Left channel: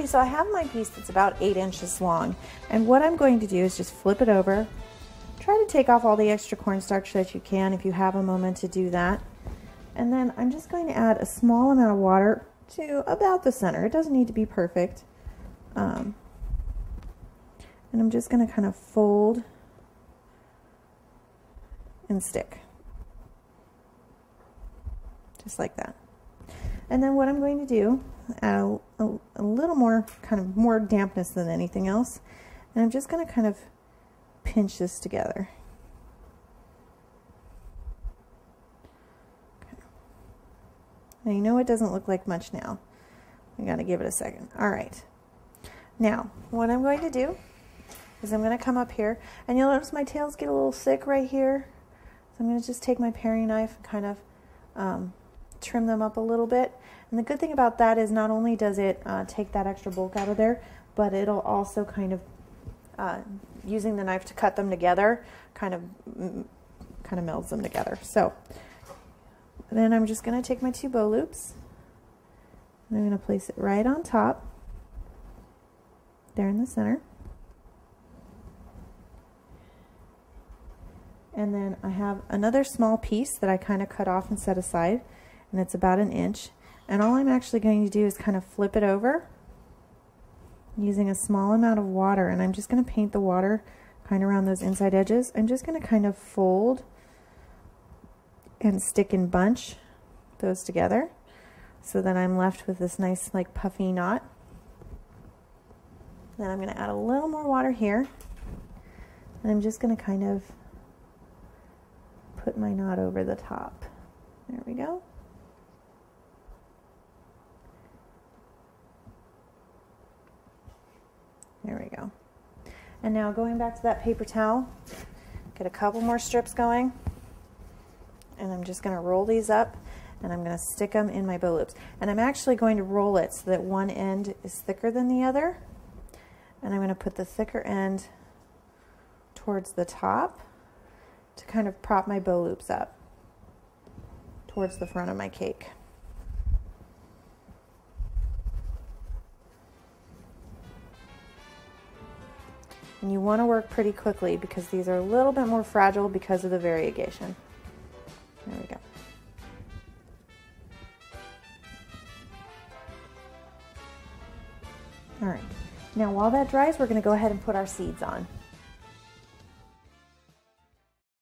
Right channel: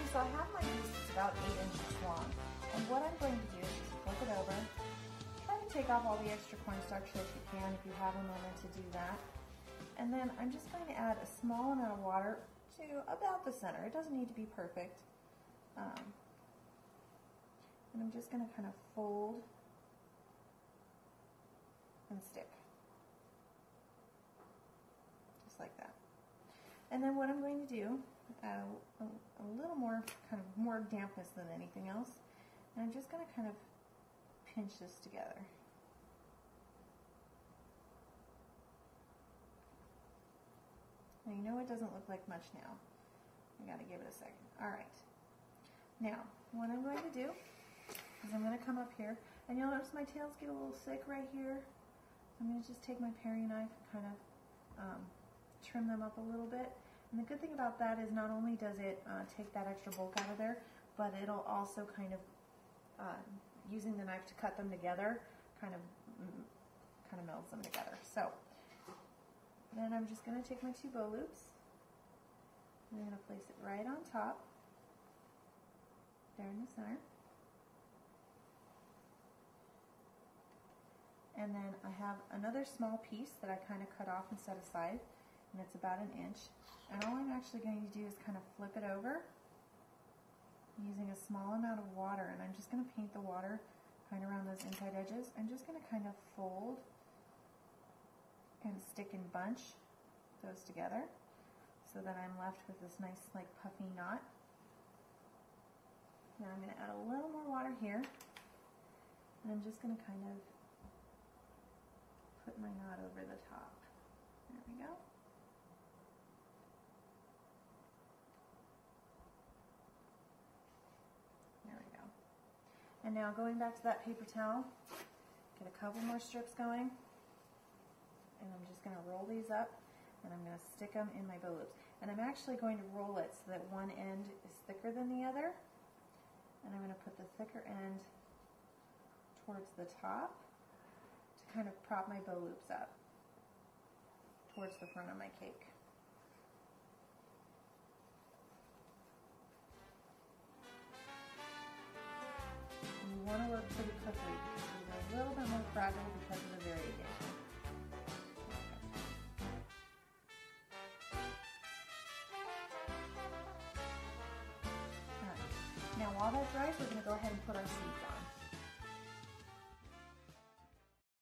Okay, so I have my piece that's about 8 inches long, and what I'm going to do is just flip it over. Try to take off all the extra cornstarch that you can if you have a moment to do that. And then I'm just going to add a small amount of water to about the center. It doesn't need to be perfect. And I'm just going to kind of fold and stick. Just like that. And then what I'm going to do, add a little more, kind of more dampness than anything else. And I'm just going to kind of pinch this together. Okay. Now you know it doesn't look like much now. I got to give it a second. All right. Now what I'm going to do is I'm going to come up here, and you'll notice my tails get a little thick right here. So I'm going to just take my paring knife and kind of trim them up a little bit. And the good thing about that is not only does it take that extra bulk out of there, but it'll also kind of, using the knife to cut them together, kind of melds them together. So then I'm just going to take my 2 bow loops, and I'm going to place it right on top, there in the center. And then I have another small piece that I kind of cut off and set aside, and it's about 1 inch. And all I'm actually going to do is kind of flip it over using a small amount of water, and I'm just going to paint the water kind of around those inside edges. I'm just going to kind of fold and stick and bunch those together so that I'm left with this nice like puffy knot. Then I'm going to add a little more water here, and I'm just going to kind of put my knot over the top. There we go. There we go. And now going back to that paper towel, get a couple more strips going, and I'm just going to roll these up, and I'm going to stick them in my bow loops. And I'm actually going to roll it so that one end is thicker than the other, and I'm going to put the thicker end towards the top to kind of prop my bow loops up towards the front of my cake. And you want to work pretty quickly because these are a little bit more fragile because of the variegation. There we go. All right. Now while that dries, we're going to go ahead and put our seeds on.